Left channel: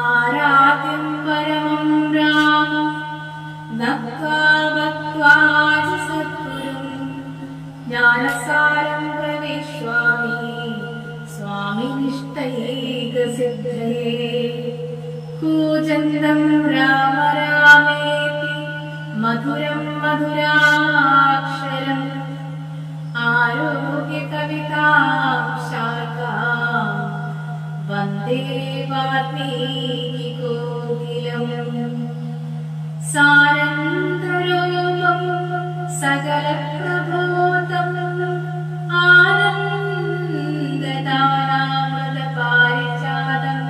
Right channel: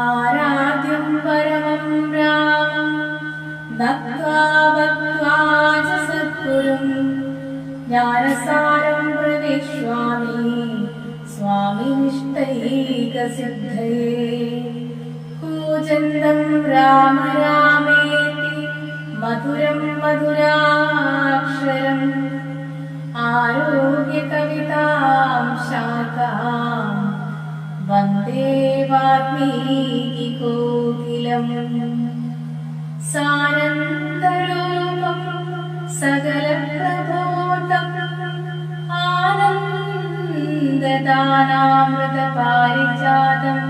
ആരാധ്യം പരമം രാമം നത്വാ ഭക്ത്വാ ച സദ്ഗുരും ജ്ഞാനസാരം പ്രവിശ്വാമി സ്വാമിനിഷ്ടൈകസിദ്ധയേ കൂജന്തം രാമ രാമേതി മധുരം മധുരാക്ഷരം ആരോഗ്യകവിതാം ശാഖാം വന്ദേ വാൽമീകികോകിലം സാനന്ദരൂപം സകലപ്രബോധം ആനന്ദദാനാമൃതപാരിജാതം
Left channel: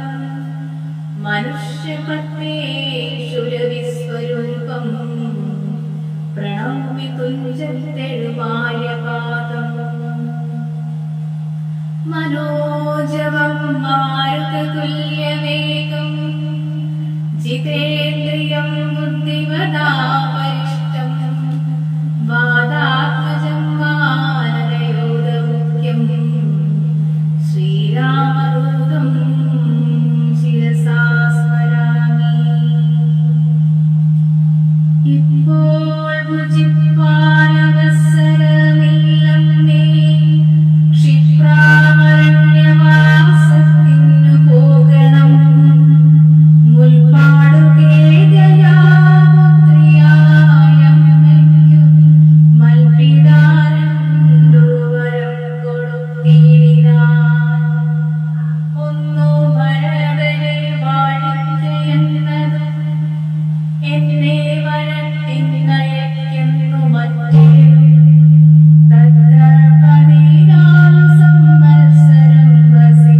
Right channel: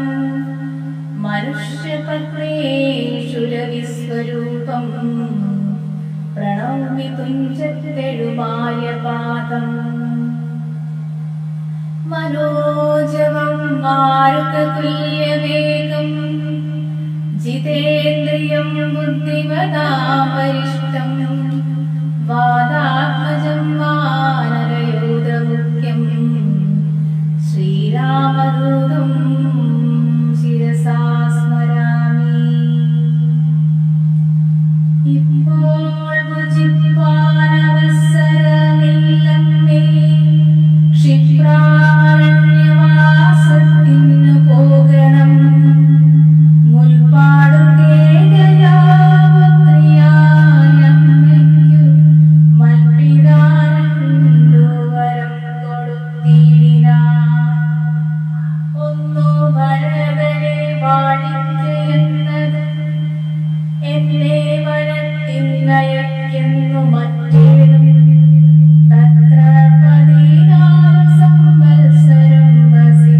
മനുഷ്യപത്മേഷുരവിസ്വരൂപം പ്രണമ്യ തുഞ്ചത്തെഴുമാര്യപാദം മനോജവം മാരുതതുല്യവേഗം ജിതേന്ദ്രിയം ബുദ്ധിമതാവരിഷ്ടം വാതാത്മജം വാനരയൂഥമുഖ്യം ശ്രീരാമദൂതം ശിരസാ സ്മരാമി. ഇപ്പോൾ ഭുജിപ്പാനവസരമില്ലമ്മേ ക്ഷിപ്രാരണ്യവാസത്തിനു പോകണം മുൽപ്പാടു കേകയാപുത്രിയായമ്മയ്ക്കു മൽപിതാരണ്ടു വരം കൊടുത്തിടിനാൻ. ഒന്നു ഭരതനെ വാഴിക്കയെന്നത് എന്നെ വരത്തിന്നയക്കെന്നു മറ്റേതും തത്ര 14 സംവത്സരം വസി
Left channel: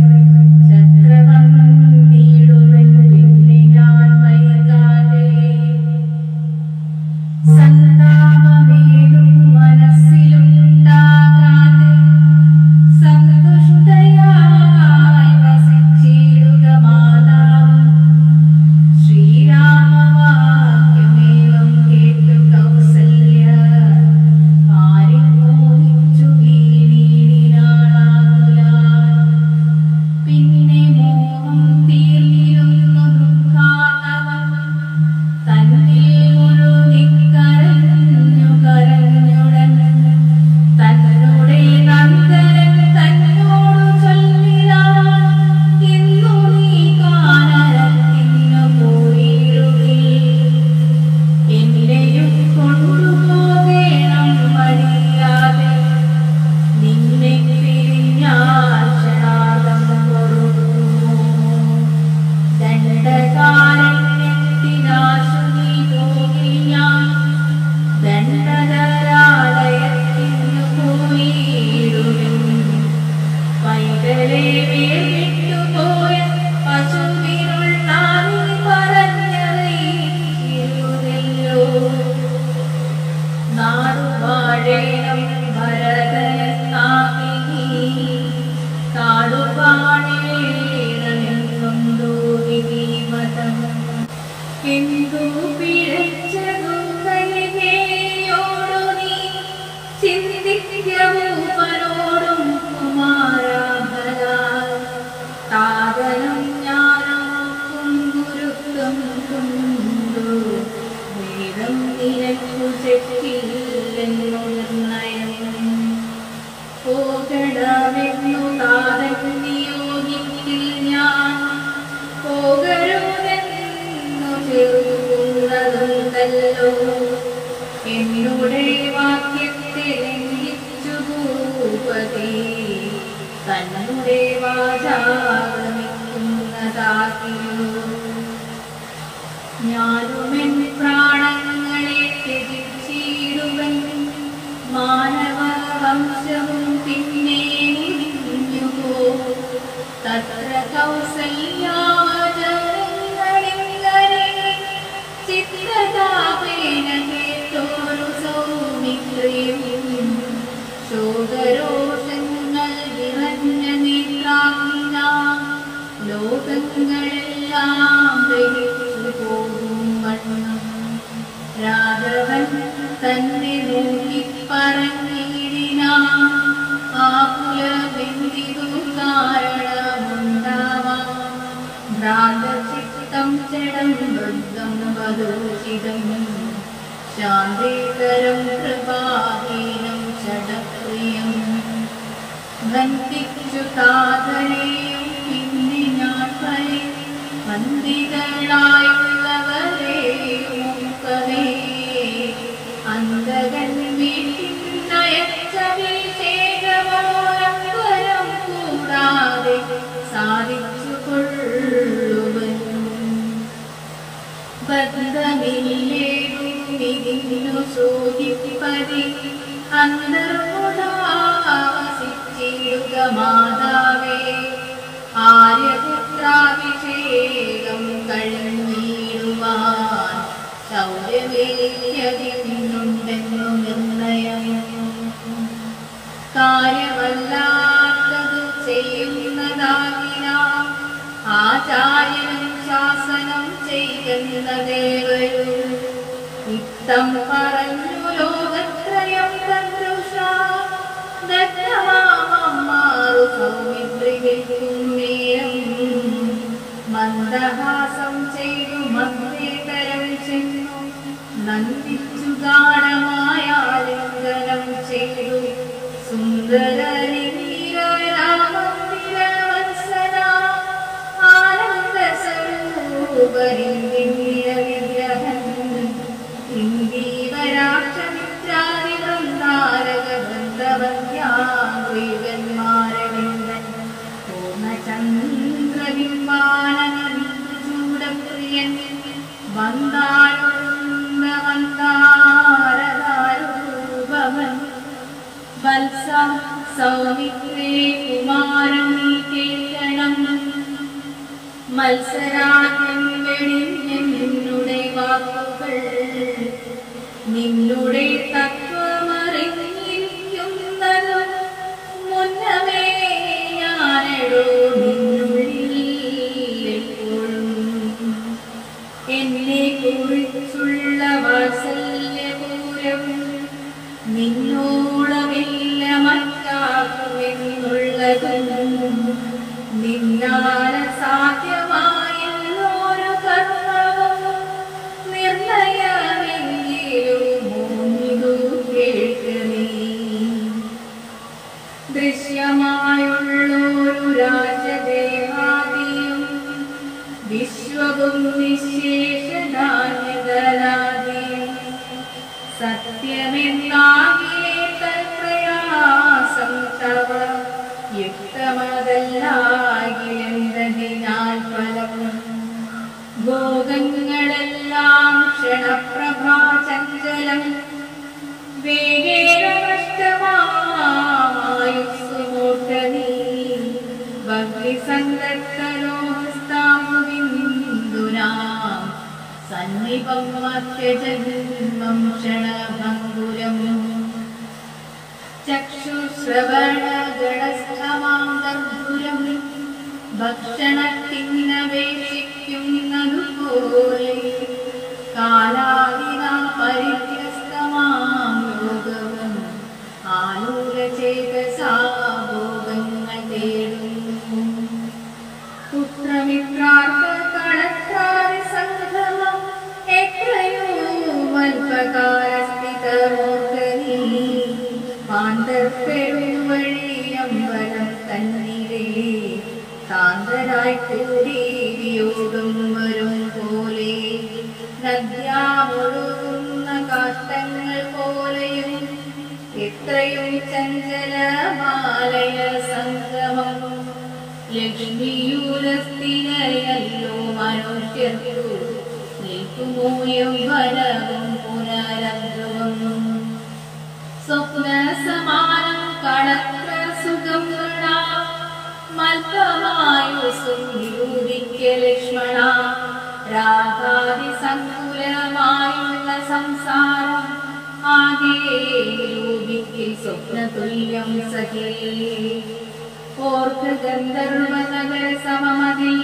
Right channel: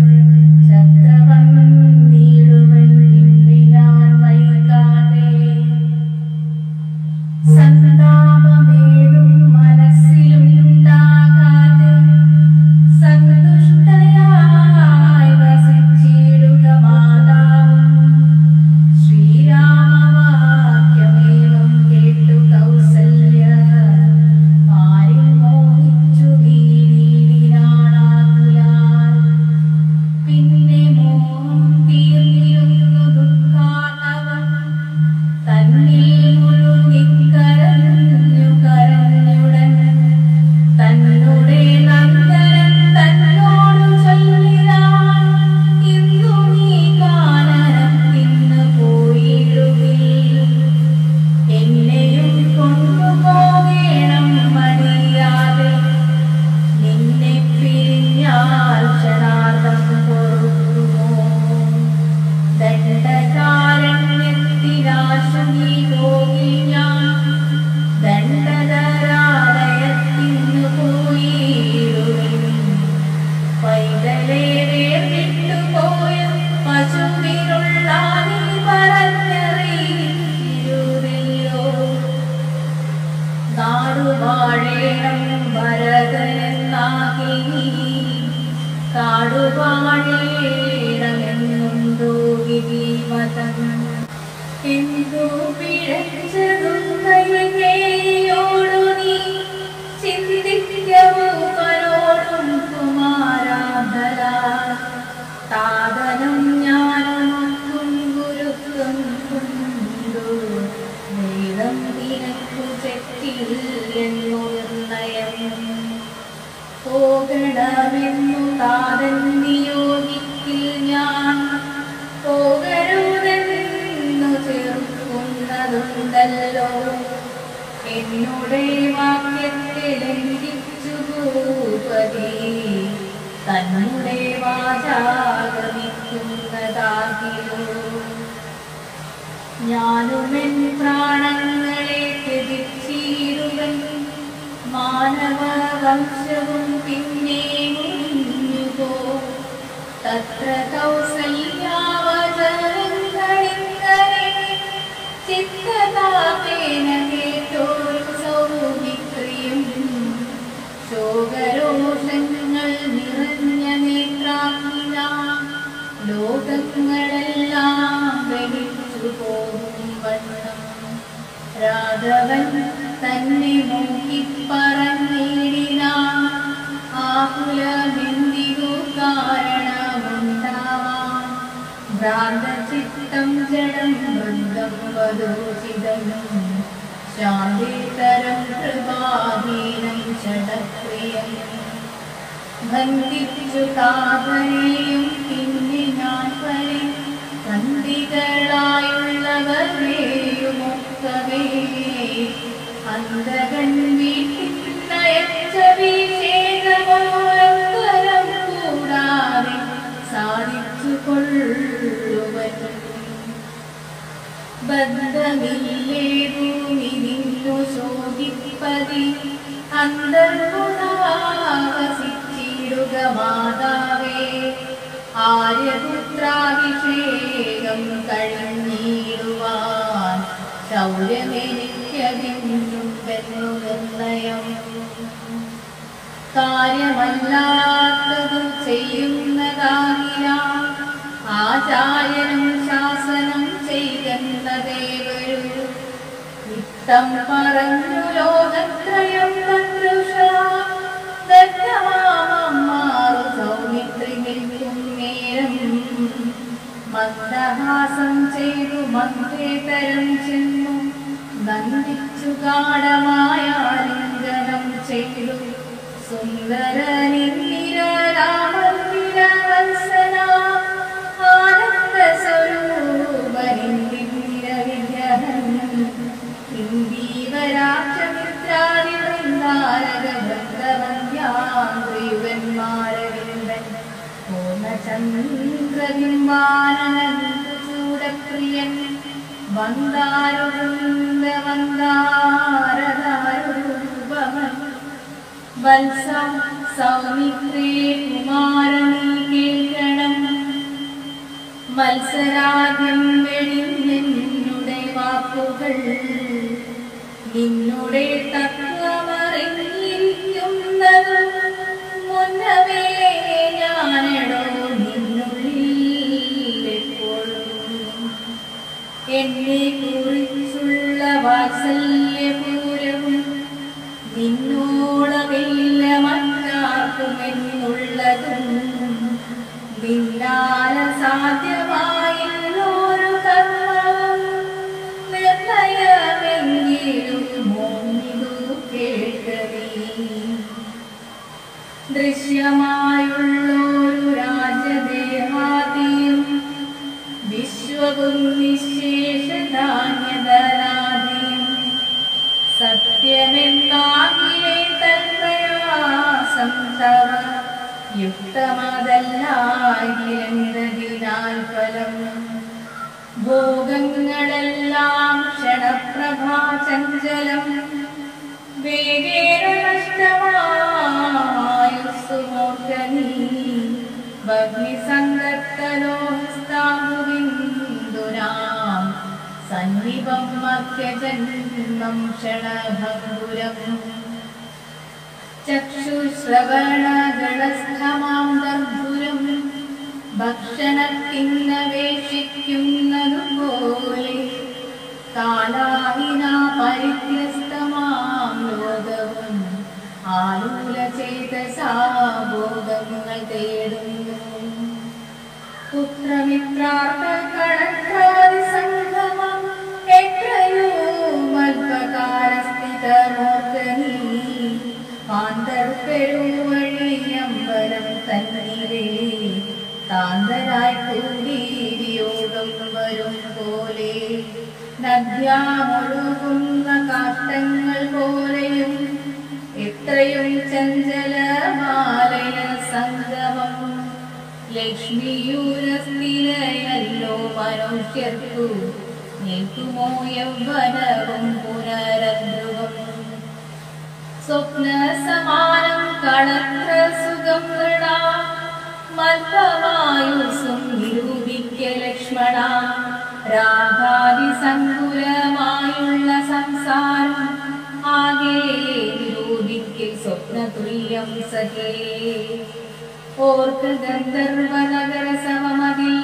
ചക്രവന്നിടുവൻ പിന്നിനാൻ വൈകാതെ സന്താപമേതും മനസ്സിലുണ്ടാകാതെ സന്തുഷ്ടയായി വസിച്ചിടുക മാതാവും. ശ്രീരാമവാക്യമേവം കേട്ടു കൗസല്യ ആരിൽ മോഹിച്ചു വീണീടിനാളാകുലാൽ. പിന്നെ മോഹം തീർന്നിരുന്നു ദുഃഖാർണവം തന്നിൽ മുഴുകിക്കരഞ്ഞു കരഞ്ഞുടൻ തന്നുടെ നന്ദനം തന്നോടു ചൊല്ലിനാൻ. ഇന്നു നീ കാനനത്തിന്നു പോയിടുകിൽ എന്നെയും കൊണ്ടുപോകേണം മടിയാതെ. നിന്നെ പിരിഞ്ഞാൽ ക്ഷണാർദ്ധം പൊറുക്കുമോ? ദണ്ഡകാരണ്യത്തിനാശു നീ പോകില്ല. ദണ്ഡധരാലയത്തിനു പോയിടുവിൻ. പൈതലേ വേർവിട്ടുപോയ പശുവിനുള്ള നീ പറഞ്ഞറിയിച്ചിരുതല്ലോ. നാടുവാഴേണം ഭരതനെന്നാകി നീ കാടുവാഴേണമെന്നുണ്ടോ വിധിമതം? എന്തു പിഴച്ചതും കൈകേയിയോടു നീ ചിന്തിക്കവൂപ്പനോടും കുമാരാഭലാൽ. താതനും ഞാനും ഗുരുത്വം കൊണ്ടു വേദം നിനക്കു ചെറ്റില്ലെന്നു നിർണയം. പോകണമെന്നു താതൻ നിയോഗിക്കിൽ ഞാൻ പോകരുതെന്നു ചേർക്കുന്നതുണ്ടല്ലോ. എന്നുടെ വാക്യത്തെ ലംഘിച്ചു ഭൂപതി തന്നുടെ വാചാഗമിക്കുന്നതാകിയോ. ഞാനുമെൻ പ്രാണങ്ങളെ ത്യജിച്ചിടുവൻ. മാനവവംശവും പിന്നെ മുടിഞ്ഞുപോ. തത്ര കൗസല്യാവചനങ്ങളിങ്ങനെ ചിത്തതാപേന കേട്ടോരു സൗമിത്രിയും. ശോകരോഷങ്ങൾ നിറഞ്ഞ നേത്രാഗ്നിന ലോകങ്ങളെല്ലാം ദഹിച്ചു പോകും വണ്ണം രാഘവൻ തന്നെ നോക്കി പറഞ്ഞിടിനാൻ. ആകുലമെന്തിതു കാരണമുണ്ടാവാൻ ഭ്രാന്ത ശാന്തചിത്തം ജഡം വൃന്ദം വധൂചിതം ശാന്തിതരം കൃപാഹീനം ചടപ്രിയം ബന്ധിച്ചു താതനെയും പിന്നെ ഞാൻ പരി ബന്ധികളായുള്ളവരെയുമൊക്കവേ അന്തകൻ വീട്ടിനയച്ചവിശേഷമോരമ്പരം കൂടാതെ സാധിച്ചു കൊള്ളുവൻ ബന്ധമില്ലേതുമിതിന്നു സൂചിപ്പതി അന്തർമുദാവസിച്ചിടുക മാതാവേ ആര്യപുത്രാഭിഷേകം കഴിഞ്ഞിടുവാൻ ശൗര്യമെനിക്കതിന്നുണ്ടെന്നു നിർണയം കാര്യമല്ലാത്തതു ചെയ്യുന്നതാകിയാൽ ആചാര്യനും ശാസനം ചെയ്തെന്ന ദേവരു ഇത്തം പറഞ്ഞു ലോകത്രയം തദ്രുഷ ദത്തമാമാറു സൗമിത്രി നിൽക്കും നേരം മന്ദഹാസം ചെയ്തു മന്ത്രേതരം ചെന്നു നന്ദിച്ചു ഗാഢമായ ലിംഗനം ചെയ്തു സുന്ദരലിംഗിരരാമന്ദിരവത്സന ആനന്ദസ്വരൂപരിന്ദിരവിഗ്രഹൻ ഇന്ദീവരാക്ഷമിത്രാദിവൃന്ദാരക വൃന്ദവന്ധ്യാന്ത്രികന്മാരവിന്ദൻ പൂർണ്ണചന്ദ്രബിംബാനന്ദചൂടപ്രിയൻ വന്ദാരുവൃന്ദവന്ദാരദാരുരൂപവൻ വത്സ സൗമിത്രേ കുമാരൻ നീ കേൾക്കണം മത്സരാദ്യം വെടിഞ്ഞെന്നുടെ വാക്കുകൾ നിന്നുടെ തത്വമറിഞ്ഞിരിക്കുന്നതും മുന്നമേ ഞാനെടോ നിന്നുള്ളിൽ എപ്പോഴും എന്നെ കുറിച്ചുള്ള വാത്സല്യപൂരവും നിന്നോളമില്ല മറ്റാക്കുമെന്നുള്ളതും നിന്നാല സാധ്യമായുള്ളൊരു കർമ്മവും നിർണയമെങ്കിലും മോന്നിതു കേൾക്കണേ ദൃശ്യമായുള്ളൊരു രാജദേഹാദിയും വിശ്വവും നിശേഷധാന്യതരാദിയും സത്യമെന്നാകിയേ തൽപ്രയാസം തവ യുക്തമതല്ലാകിലെന്തതിനാൽ ഫലം ഭോഗങ്ങളെല്ലാം ക്ഷണപ്രഭാചഞ്ചലം വേഗേന നഷ്ടമായുസ്സുമോർക്കനീ ഭഗ്നിസംഗത്തലോഹസ്താംബുബിന്ദുനാം സന്നിപം മധ്യജന്മം ക്ഷണഭംഗുരം ചക്ഷുശ്രവണഗണസ്ഥമാം ദർഭുരം ഭക്ഷണത്തിനപേക്ഷിക്കുന്നതുപോലെ കാലാഹിനാ പരിഗ്രസ്തമാം ലോകവും ആലൂലചേതസാ ഭോഗങ്ങൾ തേടുന്നു പുത്രമിത്രാർത്ഥ കളത്രാദി സംഗമം എത്രയോ അല്പകാലസ്ഥിതമോർഗനീ പാന്തർപ്പെരുവഴിയമ്പലം തന്നിരേ താന്തരായി കൂടി വിയോഗം വരും പോലെ നദ്യാമൊഴുകുന്ന കാഷ്ടങ്ങൾ പോലെയും എത്രയും ചഞ്ചലമാലയ സംഗമം ലക്ഷ്മിയൂരസ്ഥിരയല്ലോ മനുഷ്യർക്കു നിൽക്കുമോ യൗവനവും പുനരധ്രുവം സ്വപ്ന സമാനം കളത്ര സുഖം നൃണ മൽപമായുസും നിരൂപിക്ക ലക്ഷ്മണ രാഗാദിസങ്കുലമായുള്ള സംസാരം ആകെ നിരൂപിക്കൽ സ്വപ്നതുല്യം സഖേ ഓർക്ക് ഗന്ധർവനഗര സമമതിൽ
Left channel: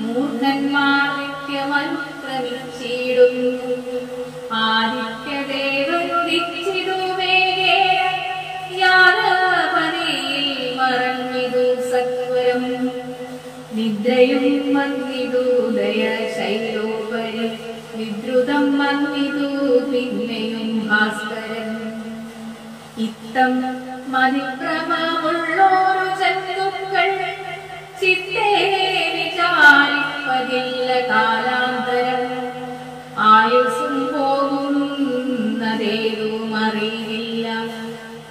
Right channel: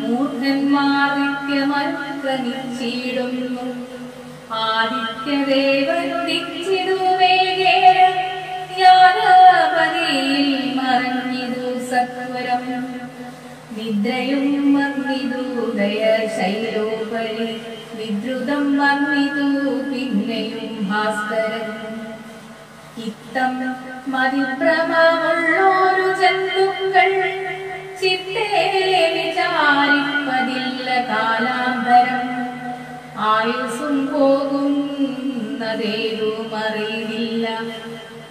മൂർഖന്മാർ നിത്യമനുക്രമിച്ചിടുന്നു ആദിത്യദേവനുദിച്ചിതു വേഗേന ജ്ഞാനപതിയിൽ മറഞ്ഞിതു സത്വരം നിദ്രയും വന്നിതു ശൈലോപരി വിദ്രുതം വന്നിതു പിന്നെയും ഭാസ്കരൻ. ഇത്തം മതിഭ്രമമുള്ളോരു ജന്തുക്കൾ ചിത്തേ വിചാരിപ്പതില്ല കാലാന്തരം. ആയുസ്സും പോകുന്നതേതും അറിയില്ല.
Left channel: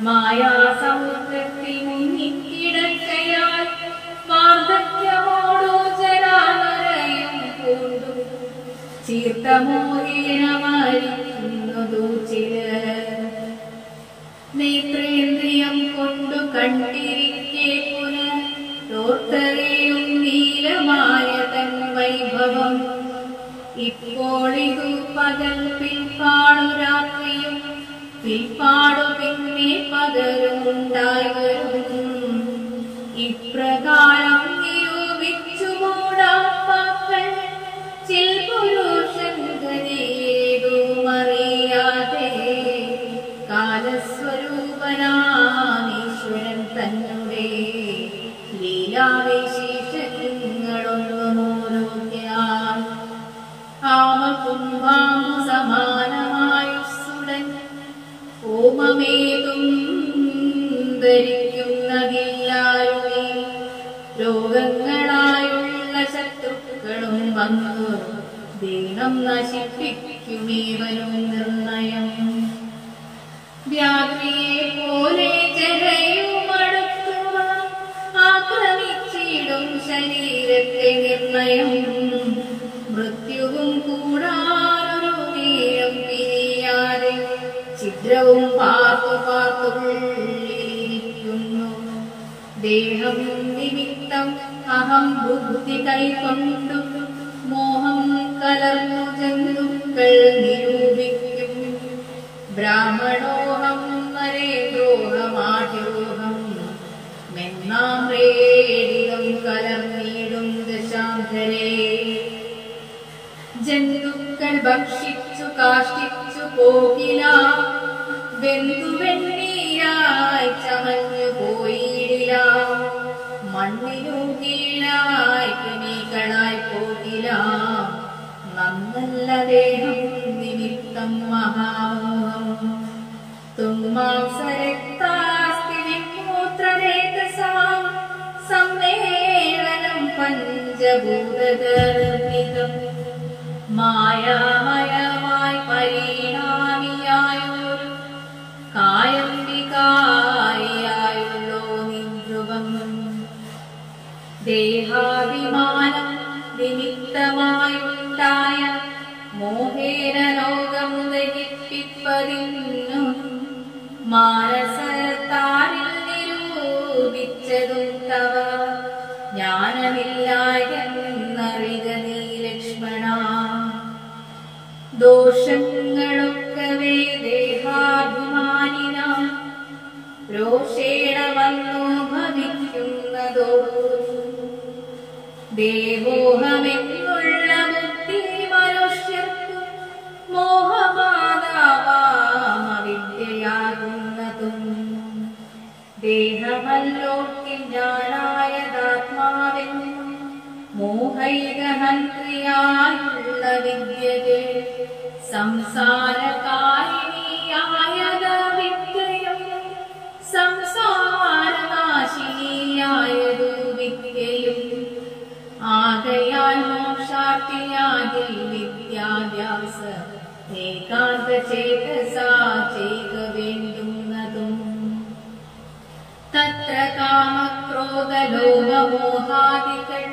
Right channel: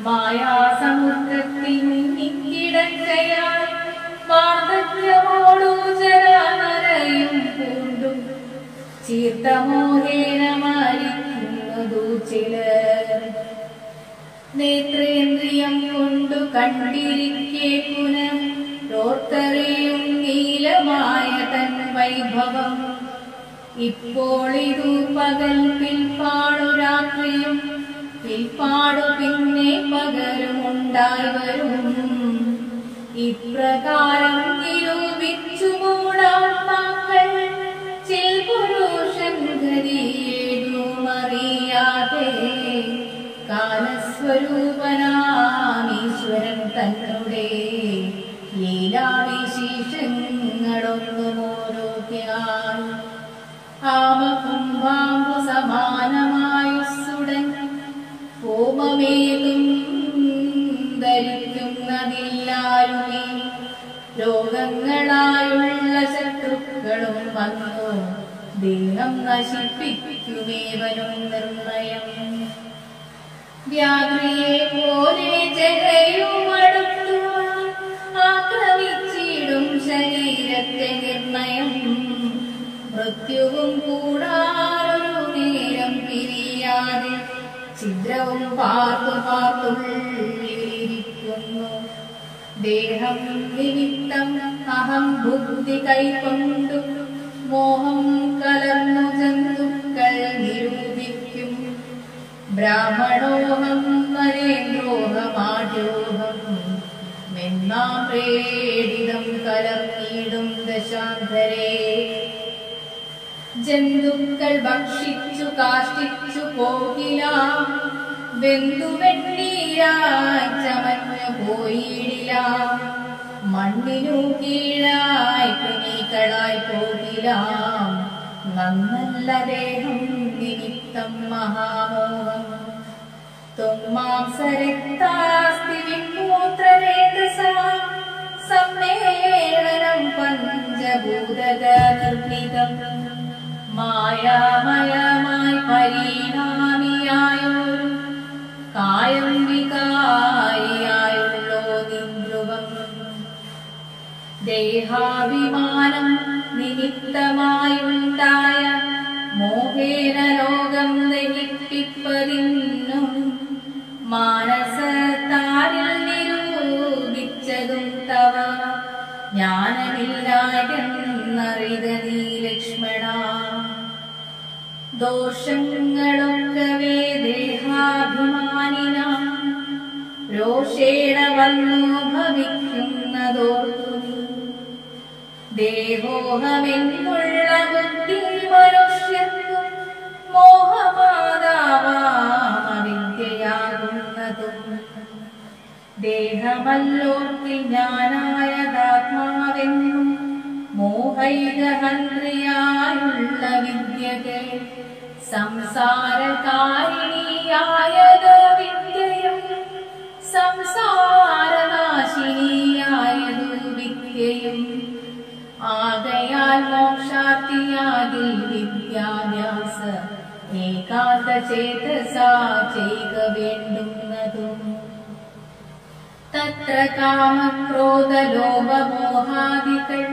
മായാസമുദ്രത്തിൽ മുങ്ങിക്കിടക്കയാൽ വാർദ്ധക്യമോടു ജരാനരയും പൂണ്ടു ചീർത്തമോഹേന മരിക്കുന്നതു ചിലർ. നേത്രേന്ദ്രിയം കൊണ്ടു കണ്ടിരിക്കെ പുനരോർത്തറിയും നീലമായ തൻ വൈഭവം. ഇപ്പോളിതു പകൽ പിൽപ്പാടു രാത്രിയും പിൽപ്പാടു പിന്നെ പകലും ഉണ്ടായി വരും. ഇപ്രകാരം നിരൂപിച്ചുകൂടാത്മാക്കൾ ചിൽ പുരുഷൻ ഗതിയേതുമറിയാതെ കാലസ്വരൂപനാമീശ്വരൻ തന്നെ ലീലാവിശേഷങ്ങളൊന്നു നോക്കിയാൽ ആമകുംഭാംബു സമാനമായുസ്സുടൻ ഹോമമേതും ധരിക്കുന്നതില്ലാരുമേ. രോഗങ്ങളായുള്ള ശത്രുക്കളും വന്നു ദേഹം നശിപ്പിക്കുമേവനും നിർണയം. വ്യാഘ്രിയെ പോലെ ജലയുമടുത്തുവാൻ ആക്രമിച്ചിടും ശരീരത്തെ നിർണയം. മൃത്യുവും കൂടാറൊരു നേരം പിരിയാതെ ഛിദ്രവും പാർത്തു പാർത്തുള്ളിലിരിക്കുന്നു. ദേഹം നിമിത്തം അഹം ബുദ്ധി കൈക്കൊണ്ടു മോഹം കലർന്നു ജന്തുക്കൾ നിരൂപിക്കും. ബ്രാഹ്മണോഹം നരേന്ദ്രോഹമാഢ്യോഹം മെന്നാം പ്രേഡിതം കലർന്നിടും ദശാന്തരേ. ജന്തുക്കൾ ഭക്ഷിച്ചു കാഷ്ടിച്ചു പോകില. വെന്തുവെണ്ണീരായി ചമഞ്ഞു പോയിടില്ല. മണ്ണിനു കീഴായി കൃമികളായി പോകില. നന്നല്ല ദേഹം നിമിത്തം മഹാമോഹം. തുമ്മാംസരക്താസ്തി വിമൂത്രരേതസാ സമ്മേളനം പഞ്ചഭൂതകർമ്മിതം. മായാമയമായി പരിണാമിയായൊരു കായം വികാരിയായുള്ളോ നിദ്രുവം. ദേഹാഭിമാനം നിമിത്തമായുണ്ടായ മോഹേന ലോകം ദഹിപ്പിപ്പതിന്നു മാനസത്താരിൽ നിരൂപിച്ചതും തവ ജ്ഞാനമില്ലായെന്നറിക നീ ലക്ഷ്മണ. ദോഷങ്ങളൊക്കവേ ദേഹാഭിമാനിന രോഷേണ വന്നു ഭവിക്കുന്നതോർത്തു നീ. ദേഹോഹമെന്നുള്ള ബുദ്ധി മനുഷ്യർക്കു മോഹമാതാവാമവിദ്യയാകുന്നതും. ദേഹമല്ലോക്കിൽ ഞാനായതാത്മാവെന്നും മോഹൈകഹന്ത്രിയായുള്ള വിദ്യകൾ സംസാരകാരിണിയായത വിദ്യയും സംസാരനാശിനിയായതു വിദ്യയും. ആകയാൽ മോക്ഷാർത്ഥിയാകിൽ വിദ്യാഭ്യാസ ഏകാന്ത ചേതസാ ചെയ്യുക വേണ്ടുന്നതും. തത്ര കാമക്രോധലോഭമോഹാദികൾ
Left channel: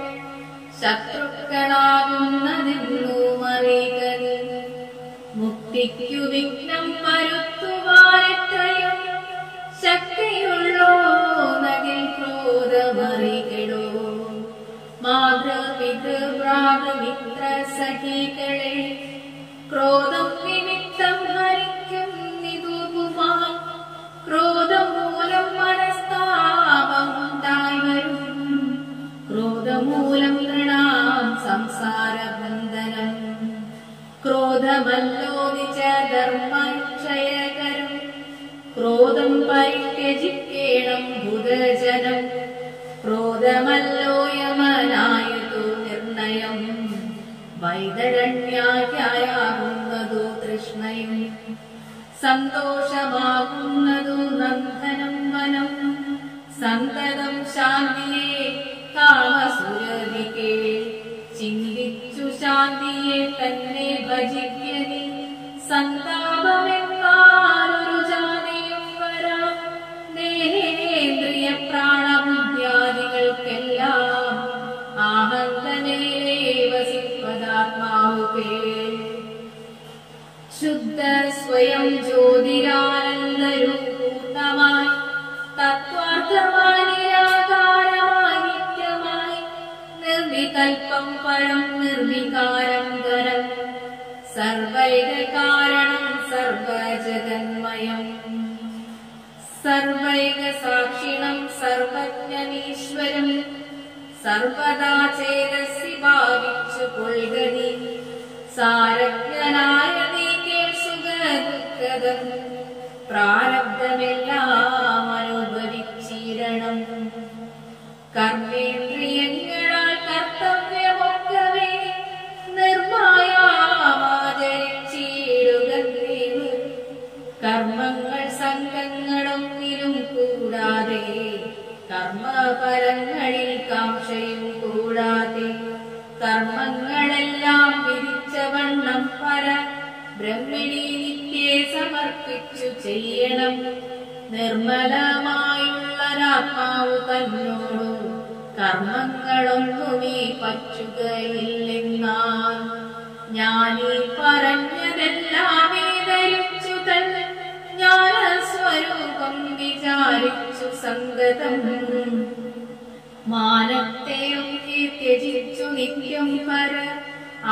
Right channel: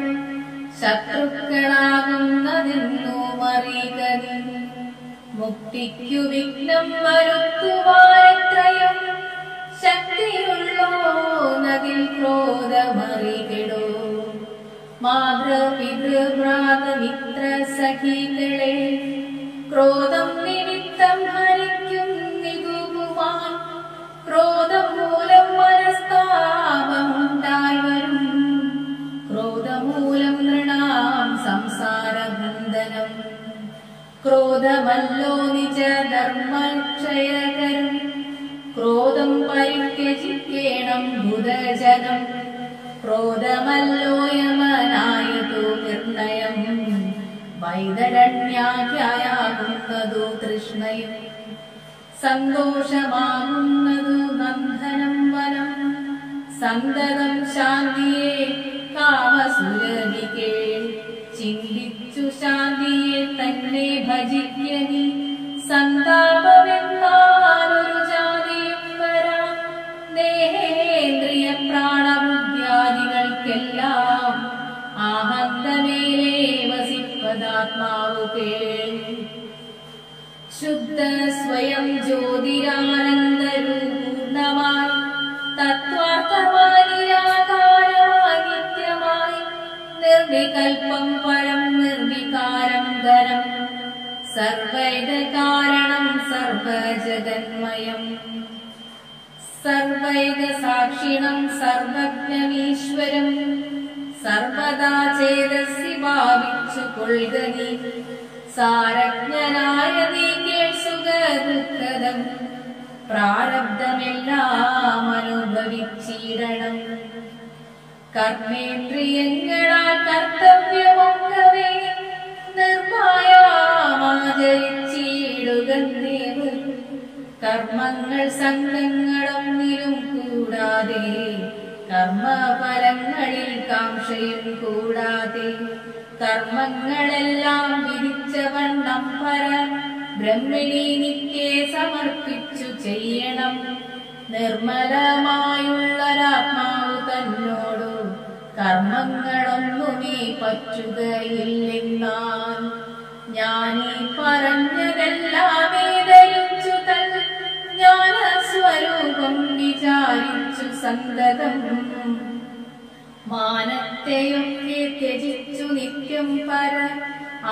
ശത്രുക്കളാകുന്നതെന്നു മറികതി. മുക്തിക്കു വിഘ്നം വരുത്തുവാനെത്രയും ശക്തിയുള്ളോ നകിൽ ക്രോധമറികടോ. മാതൃപിതൃഭ്രാതമിത്ര സഖികളെ ക്രോധം നിമിത്തം ഹരിക്കുന്നിതുവാൻ. ക്രോധം മൂലം മനസ്താപമുണ്ടായി വരും. ക്രോധം മൂലം നൃണാം സംസാരബന്ധനം. ക്രോധമല്ലോ നിജധർമ്മക്ഷയകരം. ക്രോധം പരിത്യജിക്കേണം ബുധജനം. ക്രോധമല്ലോ യമനായതു നിർണയം. വൈതരണ്യാഖ്യായാകുന്നതു തൃഷ്ണയും സന്തോഷമാകുന്നതു നന്ദനം വനം സന്തതം ശാന്തിയെ കാമസുരനികേ ചിന്തിച്ചു ശാന്തിയെ തന്നെ ഭജിക്കനി സന്താപമെന്നാലൊരു ജാതിയും വരാ ദേഹേന്ദ്രിയ പ്രാണബുദ്ധ്യാദികൾക്കെല്ലാം ആഹന്തമേലേ വസിപ്പതാത്മാവു കേൾ ശുദ്ധ സ്വയം ജ്യോതിരാനന്ദരൂപൂർണമായി തത്വാർത്ഥമായി നിരാകാരമായി നിത്യമായി നിർവികൽപ്പം പരം നിർവികാരം ധനം സർവൈക കാരണം സർവജഗന്മയം സർവൈക സാക്ഷിണം സർവജ്ഞമീശ്വരം സർവദാ ചേതസി ഭാവിച്ചു കൊൾകനി സാരജ്ഞനായ നീ കേൾ സുഖദുഃഖദം പ്രാരബ്ധമെല്ലാം അനുഭവിച്ചിടണം കർമ്മേന്ദ്രിയങ്ങളാൽ കർത്തവ്യമൊക്കവേ നിർമായാമാചരിച്ചിടുകന്നേവ് കർമ്മങ്ങൾ സംഘങ്ങളൊന്നിലും കൂടാതെ കർമ്മഫലങ്ങളിൽ കാംക്ഷയും കൂടാതെ കർമ്മങ്ങളെല്ലാം വിധിച്ചവണ്ണം പര ബ്രഹ്മിണി നിത്യേ സമർപ്പിച്ചു ചെയ്യണം നിർമ്മലമായുള്ളൊരാത്മാവു തന്നോടു കർമ്മങ്ങളൊന്നുമേ പറ്റുകയില്ലെന്നാൻ ഞാനീ പറഞ്ഞതെല്ലാമേ ധരിച്ചു തൻ ജ്ഞാനസ്വരൂപം വിചാരിച്ചു സന്തതം മാനത്തെയൊക്കെ ത്യജിച്ചു നിത്യം പര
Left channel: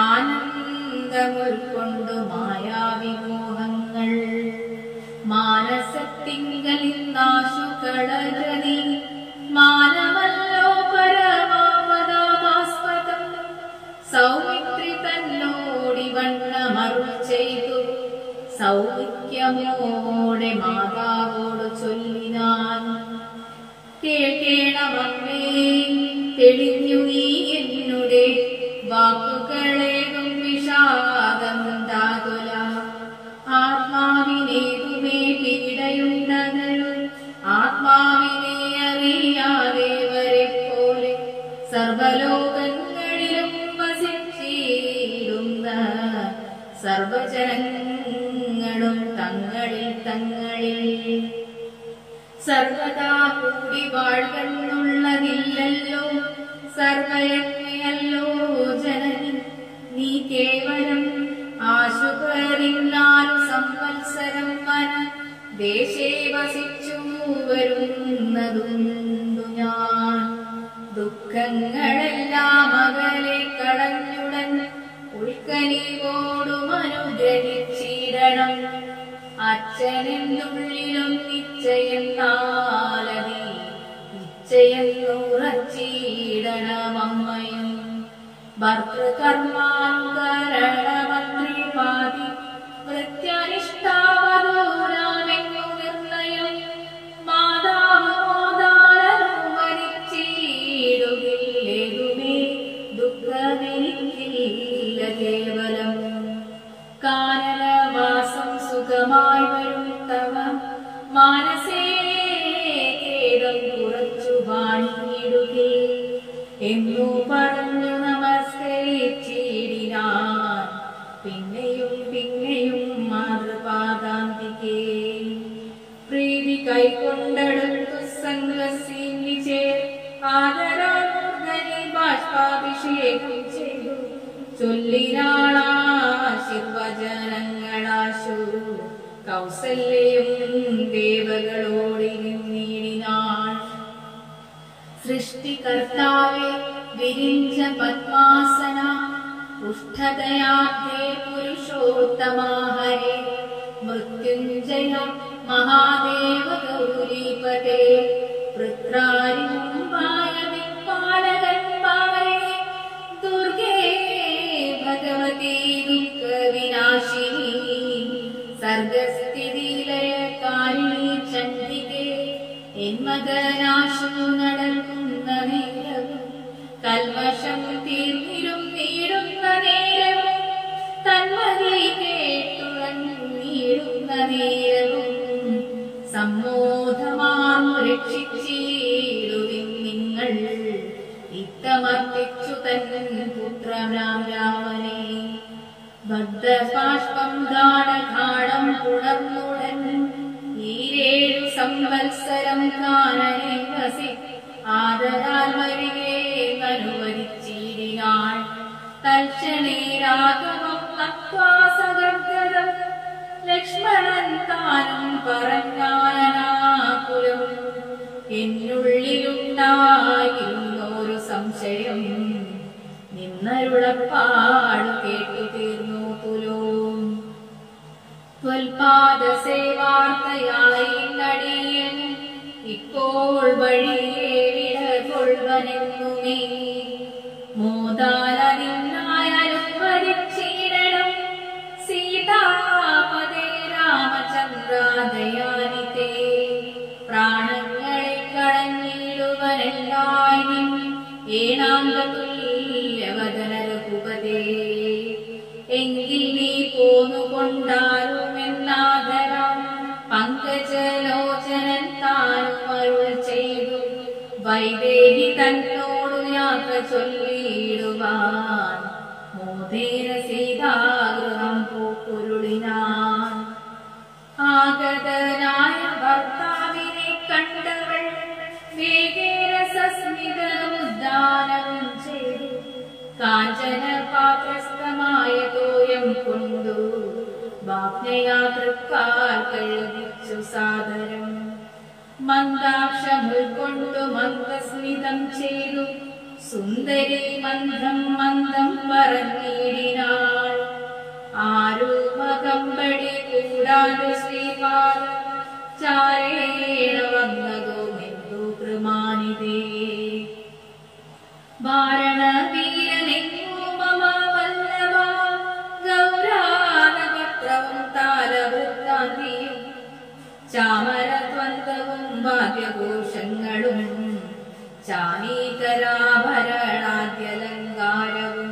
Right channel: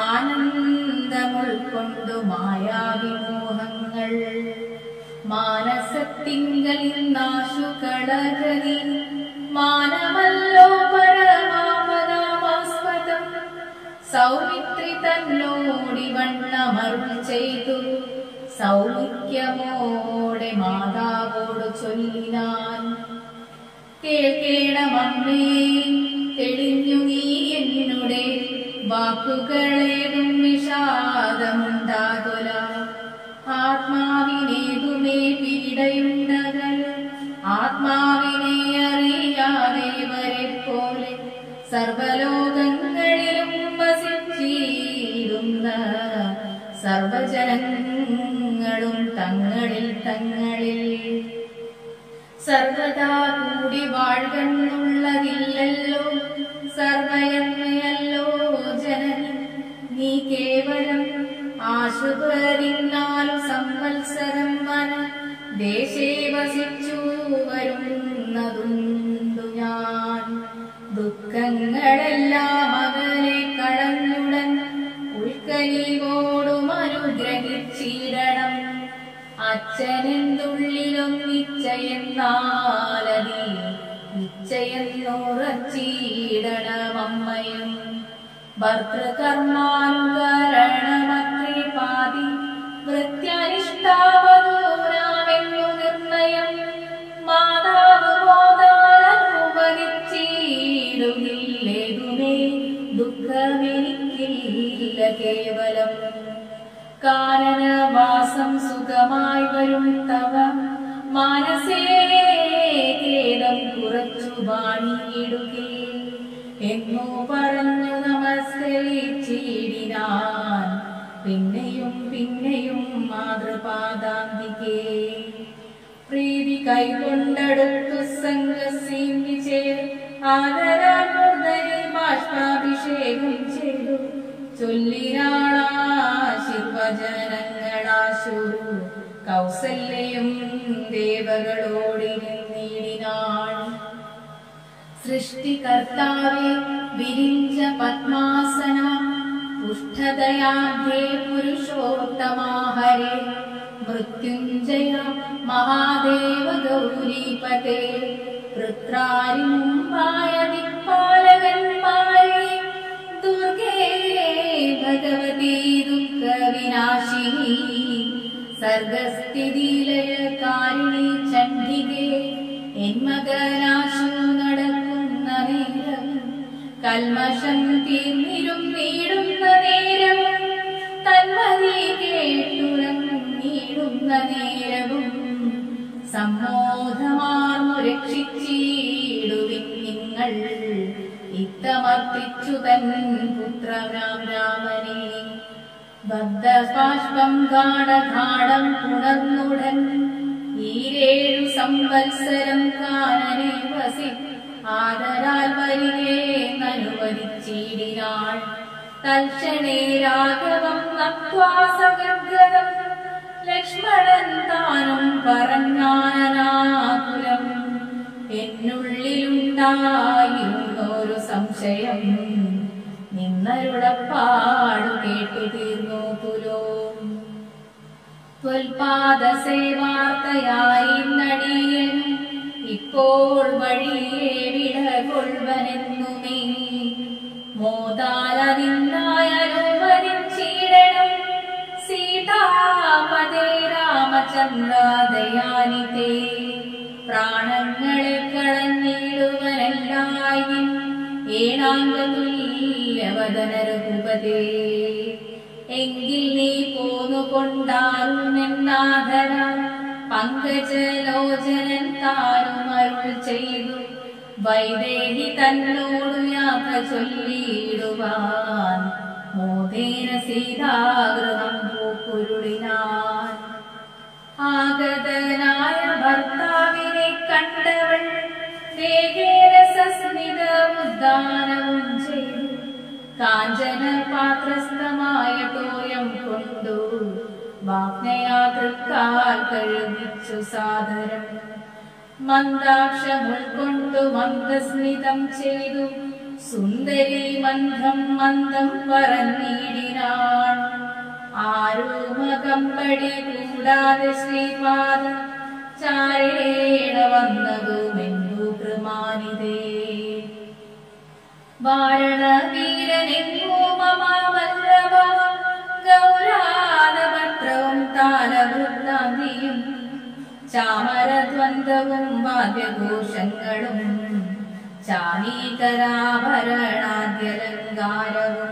ആനന്ദമുൾക്കൊണ്ടു മായാവിമോഹങ്ങൾ മാനസത്തിങ്കൽ നാശു കളകനി മാനമല്ലോ പരമാപദാമാസ്പദം സൗമിത്രി തന്നോടിവണ്ണമരുൾ ചെയ്തു സൗമിത്യമോടെ മാതാവോട് ചൊല്ലിനാൻ കേൾക്കേണമമ്മേ തെളിഞ്ഞു നീ എന്നുടെ വാക്കുകളേകും വിഷാദമുണ്ടാകുല ആത്മാവിനേകുമേ പീഡയുണ്ടകരു ആത്മാവിനെ അറിയാതെ വരെ പോലെ സർവലോകങ്ങളിലും വസിച്ചിടുന്ന സർവജനങ്ങളും തങ്ങളിൽ തങ്ങളിൽ സർവദാ കൂടി വാഴ്കെന്നുള്ളതില്ലല്ലോ സർവയജ്ഞയല്ലോ ജനനി നീ കേവലം ആശുപരിന്നാലു സംവത്സരം വന ദേശേ വസിച്ചു വരുന്നതുണ്ടു ഞാൻ ദുഃഖങ്ങളെല്ലാം അകലെ കളഞ്ഞുടൻ ഉൾക്കനിവോടും അനുഗ്രഹിച്ചിടണം അച്ഛനെന്തുള്ളിലും നിശ്ചയെന്നാലതി നിശ്ചയെന്നുറച്ചിടണമമ്മയും ഭർത്തൃകർമാനുകരണമത്രേ പാതി വൃത്യനിഷ്ഠാവധൂരാമെന്നു നിർണയം മാതാവ് മോദാനുവനിച്ചിടുകില്ലേതുമേ ദുഃഖമെനിക്കില്ല കേവലം കാനനവാസം സുഖമായി വരും തവ മാനസേ ഖേദം കുറച്ചു വാണിയിടുകേ എന്നു പറഞ്ഞു നമസ്കരിച്ചിടിനാൻ പിന്നെയും പിന്നെയും മാതൃപാദാന്തികേ പ്രീതി കൈകൊണ്ടെടുത്തു സംഘസിച്ചേർ ആദരാനൂർധനി ബാഷ്പാഭിഷേകം ചെയ്തു ചൊല്ലിനാളാശിർവചനങ്ങളാശു കൗസല്യയും ദേവകളോടിരുന്നിടിനാൾ സൃഷ്ടികർത്താവേ വിരിഞ്ച പത്മാസന പുഷ്ഠദയാഭ്യേ പുരുഷോത്തമാഹരേ മൃത്യുഞ്ജയ മഹാദേവ ഗൗരീപതേ പൃത്രാരിമുമ്പായ ദിക്പാലകന്മാരെ ദുർഗേ ഭഗവതി ദുഃഖവിനാശിനി സർഗസ്ഥിതിലയകാരിണി ചണ്ഡികേ എന്മകനാശു നടക്കുന്ന നേരം കൽമഷം തീർന്നിരും നീടുന്ന നേരം സമ്മോധമാർന്നു രക്ഷിച്ചിടുവിൻ നിങ്ങൾ. ഇത്തമർപ്പിച്ചു തൻ പുത്രനാം രാമനെ. ബദ്ധബാഷ്പം ഗാഢഗാഢം പുണർന്നുടൻ ഈരേഴു സംവത്സരം കാനനെ വസി ആദരാൽ വരികേന്നനുവദിച്ചിടിനാൾ. തൽക്ഷണേ രാഘവം നത്വാ സഗദ്ഗദം ലക്ഷ്മണൻ താനും പറഞ്ഞാനനാകുലം. എന്നുള്ളിലുണ്ടായിരുന്നൊരു സംശയം നിന്നരുളപ്പാടു കേട്ടു തീർന്നു പുലോം. ത്വൽപാദസേവാർത്തയായി നടിയൻ ഇപ്പോൾ വഴിയെ വിടകൊള്ളുവനെന്നുമേ. മോദാലതിനായി അനുവദിച്ചിടണം സീതാപദേ രാമചന്ദ്രാദയാനിതേ. പ്രാണങ്ങളെ കളഞ്ഞിടുവനെല്ലായി ഏണാംഗതുല്യവദന രഘുപതേ. എങ്കിൽ നീ പോന്നുകൊണ്ടാലുമെന്നാദരാൽ പങ്കജലോചനൻ താനും അരുൾ ചെയ്തു വൈദേഹി തന്നോടു യാത്ര ചൊല്ലിയിടുവാൻ. മോദേന സീതാഗൃഹം പൂക്കുരുളിനാൻ. ആഗതനായ ഭർത്താവിനെ കണ്ടവൾ വേഗേന സസ്മിതമുദ്ദാനവും ചെയ്തു കാഞ്ചന പാത്രസ്ഥമായ തോയം കൊണ്ടു വാഗ്നയാ തൃക്കാൽ കഴുകിച്ചു സാദരം. മന്ദാക്ഷമുൾക്കൊണ്ടു മന്ദസ്മിതം ചെയ്തു സുന്ദരി മന്ദം മന്ദം പറഞ്ഞിടിനാൾ. ആരുമകമ്പടി കൂടാതെ ശ്രീപാദ ചാരേണ വന്നതുമെന്തു കൃമാനിതേ. വാരണവീരനെങ്ങോ മമ വല്ലഭ ഗൗരാഗപത്രവും താലവൃത്താന്തിയും ചാമരദ്വന്ദ്വവും വാദ്യഘോഷങ്ങളും ചാനീകരാഭരണാദ്യലങ്കാരവും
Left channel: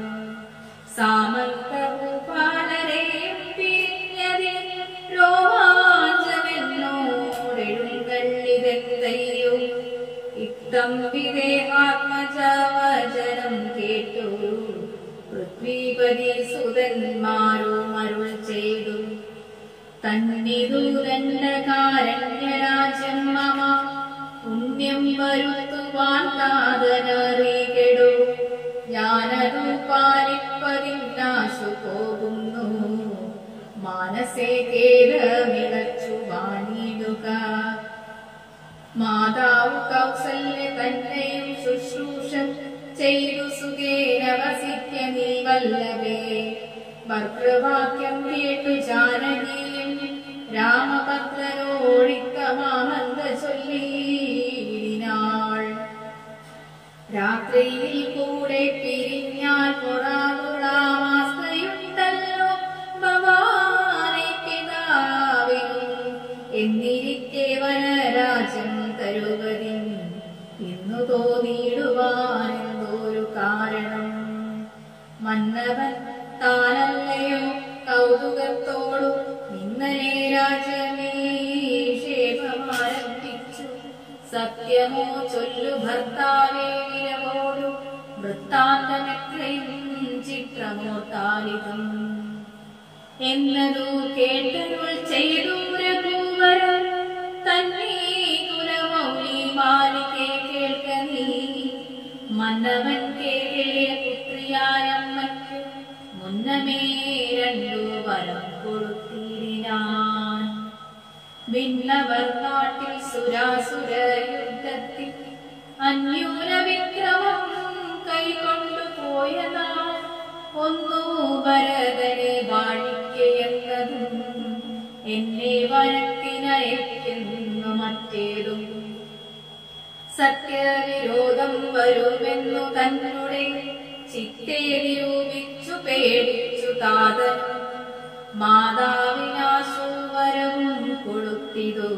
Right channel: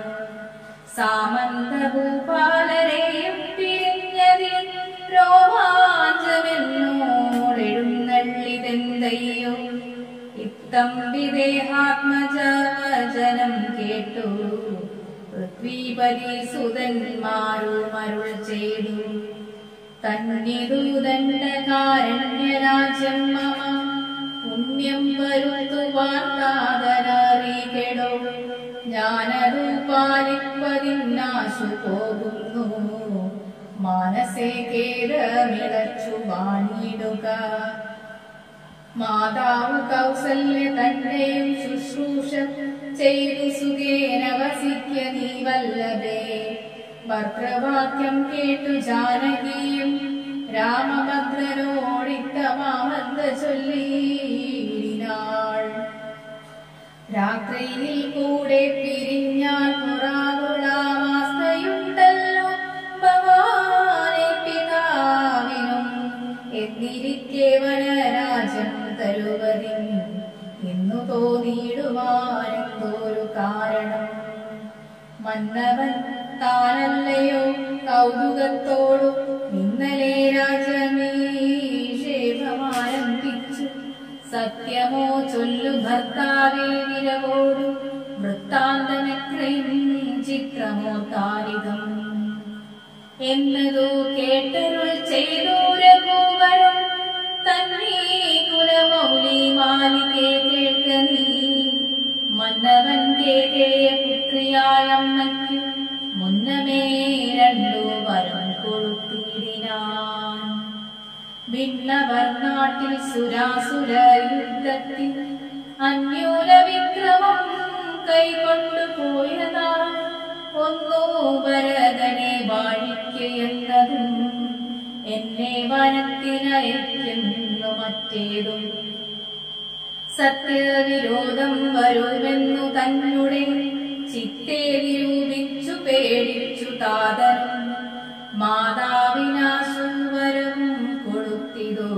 സാമന്തഭൂപാലരെയും പിരിഞ്ഞതിൽ രോമാഞ്ചമെന്നോടെഴുന്നള്ളിതെന്തയ്യോ. ഇത്തം വിദേഹാത്മജവചനം കേട്ടു പൃഥ്വീപതി സുതന്മാരും അരുൾ ചെയ്തു. തന്നിതു ദണ്ഡകാരണ്യരാജ്യം മമ പുണ്യം വരുത്തുവാൻ താതനറികെടോ. ഞാനതു പാലിപ്പതിനാശു പോകുന്നു മാനസേ ഖേദമിളച്ചു വാണിടുക. മാതാവ് കൗസല്യ തന്നെയും ശുശ്രൂഷ ചെയ്തു സുഖേന വസിക്ക നീ വല്ലഭേ. ഭർതൃവാക്യം കേട്ടു ജാനകിയും രാമഭദ്രനോടിത്തമാമന്ത ചൊല്ലിയിടിനാൾ. രാത്രിയിൽ കൂടെ പിരിഞ്ഞാൽ പുറാതുളാവസ്ഥയുണ്ടല്ലോ ഭവാനെ പിതാവിനും. എന്നിരിക്കെ വനരാജം തരുവതിൻ ഇന്നു തോന്നിയിടുവാനെന്തോരു കാരണം. മന്നവൻ താനല്ലയോ കൗതുകത്തോടു ഇന്നലെ രാജമേഷേപമാരംഭിച്ചു. സത്യമോ ചൊല്ലു ഭർത്താവേ വിരവോടു വൃത്താന്തമെത്രയും ചിത്രമോർത്താരിതം. എന്നതു കേട്ടരുൾ ചെയ്തു രഘുവരൻ തന്നെ കുലമൗലി മാലികെ കേൾക്ക നീ. മന്നവൻ കേകേയ പുത്രിയായ അമ്മയ്ക്കു മുന്നമേ രണ്ടു വരം കൊടുത്തിടിനാൻ. ഭിന്നവർ നാട്ടിൽ സുരാസുര യുദ്ധത്തിൽ അന്യൂന വിക്രമം കൈകൊണ്ടുപോയ നാൾ ഒന്നു ഭരതനെ വാഴിക്കയെന്നതും എന്നെ വനത്തിനയക്കുന്നു മറ്റേതും. സത്യവിരോധം വരുമെന്നു തന്നെ ചിത്തേ നിരൂപിച്ചു പേടിച്ചു താതനും മാതാവിനാശുവരവും കൊടുത്തിതു.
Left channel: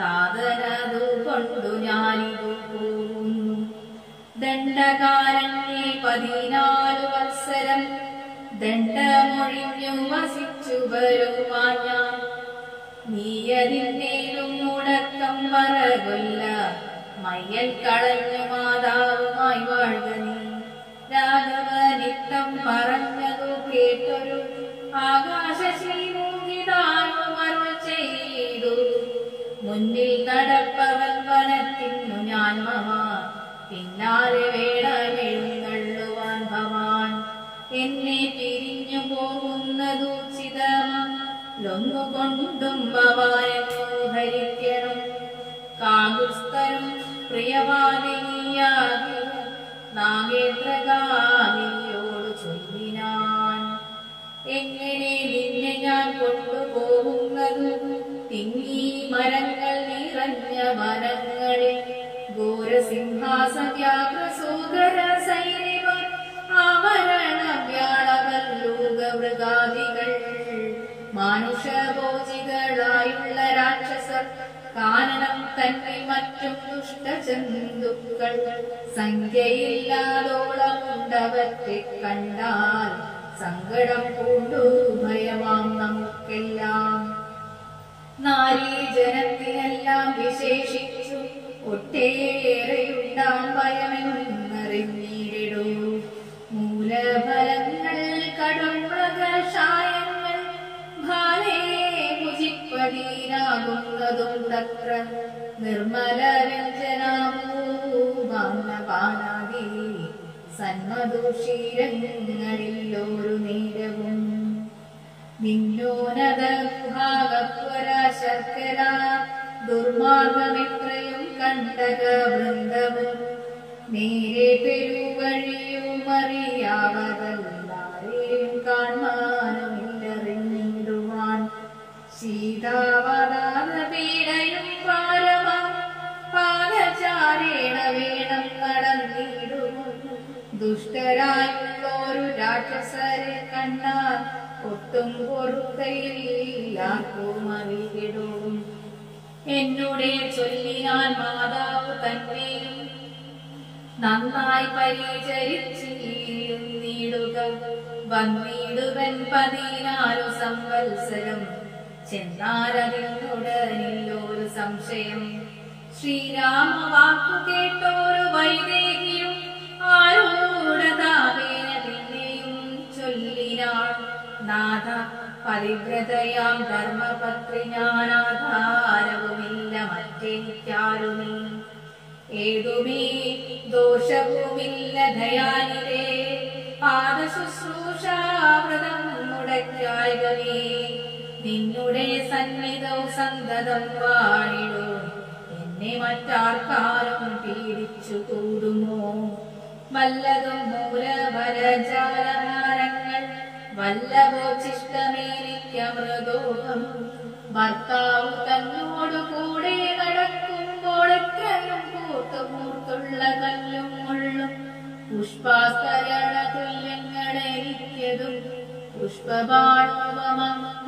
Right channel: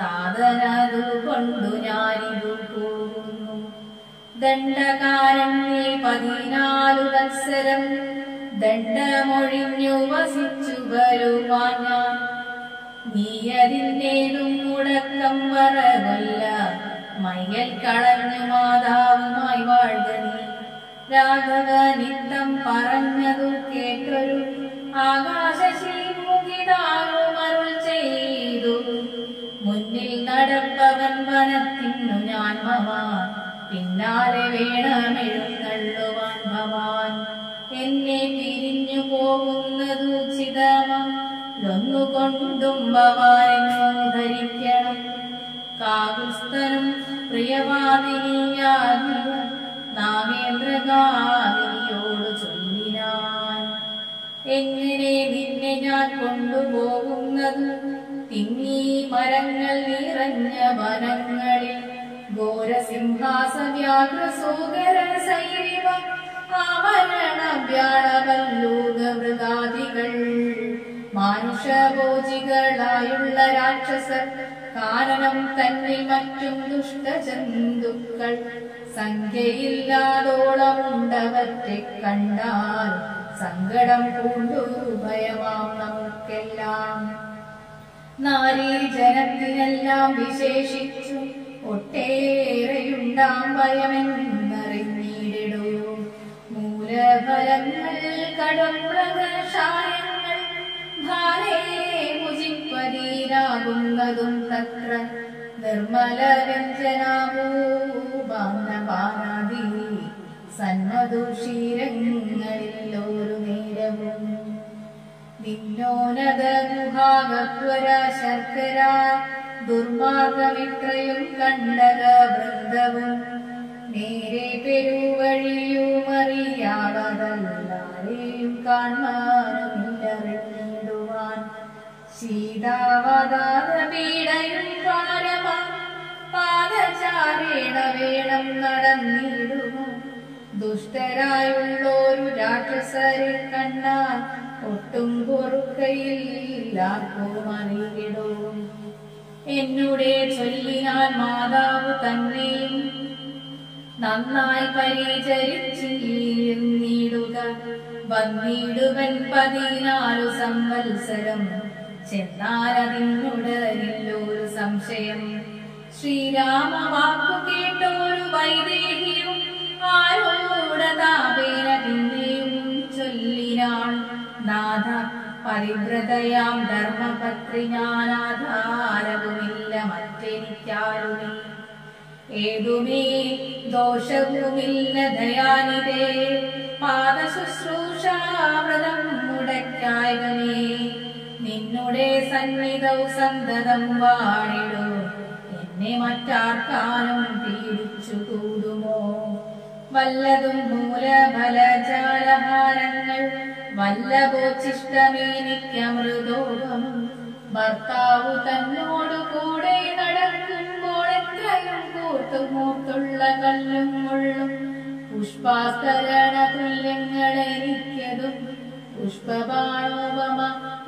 താതനതു കൊണ്ടു ഞാനിതു പോകുന്നു. ദണ്ഡകാരണ്യേ 14 വത്സരം ദണ്ഡമൊഴിഞ്ഞു വസിച്ചു വരുവാൻ ഞാൻ. നീ അതിൻ്റെതും മുടക്കം മറകൊല്ല മയ്യൽ കളഞ്ഞു മാതാവുമായി വാഴ്ക നീ. രാഘവനിത്തം പറഞ്ഞതു കേട്ടൊരു ആകാശശീമൂകിതായും അരുൾ ചെയ്തു. മുന്നിൽ നടപ്പവൻ വനത്തിന്നു ഞാൻ മമ, പിന്നാലെ വേണമെഴുന്നള്ളുവാൻ ഭവാൻ. എന്നെ പിരിഞ്ഞു പോകുന്നതു ചിതമൊന്നുകൊണ്ടും ഭവാനെന്നു ധരിക്കണം. കാകുസ്ഥനും പ്രിയവാദിനിയാകിയ നാഗേന്ദ്രകാരിയോട് ചൊല്ലിനാൻ, എങ്ങനെ നിന്നെ ഞാൻ കൊണ്ടുപോകുന്നതു തിങ്ങി മരങ്ങൾ നിറഞ്ഞ വനങ്ങളിൽ. ഘോരസിംഹാസവ്യാഘ്രസൂകര സൈരിവ ആവരണ വ്യാളവല്ലൂകമൃഗാദികൾ. മാനുഷഭോജികളായുള്ള രാക്ഷസർ കാനനം തന്നിൽ മറ്റും ദുഷ്ടജന്തുക്കൾ. സംഖ്യയില്ലാതോളമുണ്ടവറ്റെ കണ്ടാൽ സങ്കടം പൂണ്ടു ഭയമാം നമുക്കെല്ലാം. നാരീജനത്തിനെല്ലാം വിശേഷിച്ചു ഒട്ടേറെയുണ്ടാം ഭയമെന്നറിഞ്ഞിടൂ. മൂലഫലങ്ങൾ കടുംമൃഗശായങ്ങൾ ഭാരേ മുജിപ്പതീരാകുന്നതും തത്ര. നിർമ്മല വ്യഞ്ജനാമൂപാനപാനാദി സന്മധുഷീരങ്ങളിലൊരു നേരവും. നിന്നോനത ഗുഹാകത്വര ശർക്കര ദുർമാർഗമെത്രയും കണ്ടക വൃന്ദവും. നേരെ പെരുവഴിയുമറിയാവതല്ലാരെയും കാണാനുമില്ലറിഞ്ഞിടുവാൻ. ശീതാവതാര പീഡയും പാരമ പാദചാരേണ വേണം നടന്നിടുമോ. ദുഷ്ടരായുള്ളൊരു രാക്ഷസരെ കണ്ടാൽ ഒട്ടും പൊറുക്കയില്ലാർക്കും അറിയിടും. എന്നുടെ ചൊല്ലിനാൽ മാതാവ് തന്നെയും നന്നായി പരിചരിച്ചിടുക. വന്നിടുവൻ 14 സംവത്സരം ചെന്നാലതിനുടരില്ലൊരു സംശയം. ശ്രീരാമ വാക്കു കേട്ടോരു വൈദേഹിയും ആരൂഢതാപേന പിന്നെയും ചൊല്ലിനാൾ, നാഥ പരിവ്രതയാം ധർമ്മപത്രി ഞാനാധാരവുമില്ല മറ്റെനിക്കാരുമേ. ഏതുമേ ദോഷവുമില്ല ദയാനിതേ, പാദശുശ്രൂഷാവ്രതം മുടക്കായകനേ. നിന്നുടെ സന്നിധൗ സന്തതം വാണിടൂ, എന്നെ മറ്റാർക്കാനും പീഡിച്ചു കൂടുമോ. വല്ലതും മൂലഫലജാലഹാരങ്ങൾ വല്ലഭോച്ചിഷ്ടമേനിക്കമൃതോഹം. ഭർത്താവു തന്നോടു കൂടെ നടക്കുമ്പോൾ എത്രയും കൂർത്തുമൂർത്തുള്ള കല്ലും മുള്ളും പുഷ്പാസ്തരണ തുല്യങ്ങളെനിക്കതും. പുഷ്പബാണോപമ